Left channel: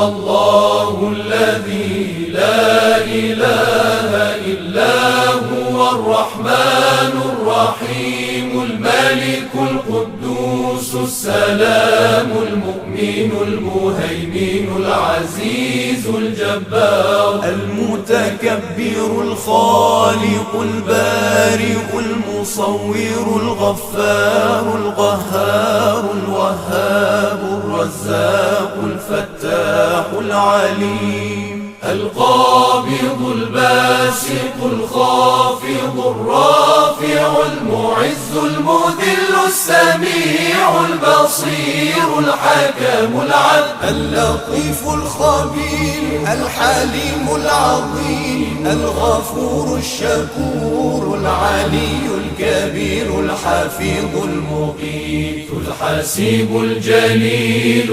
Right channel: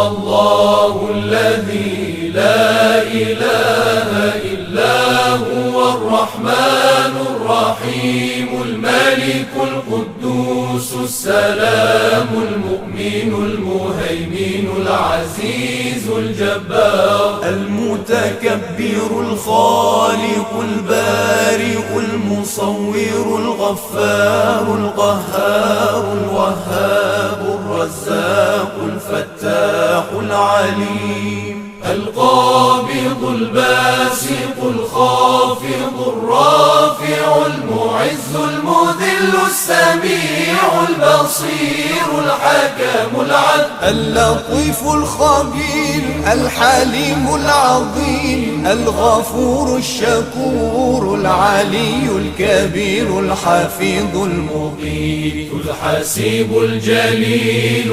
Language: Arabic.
هو الله الذي لا إله إلا هو الرحمن الرحيم الملك القدوس السلام المؤمن المهيمن العزيز الجبار المتكبر الخالق البارئ المصور الغفار القهار الوهاب الرزاق الفتاح العليم القابض الباسط الخافض الرافع المعز المذل السميع البصير الحكم العدل اللطيف الخبير الحليم العظيم الغفور الشكور العلي الكبير الحفيظ المقيت الحسيب الجليل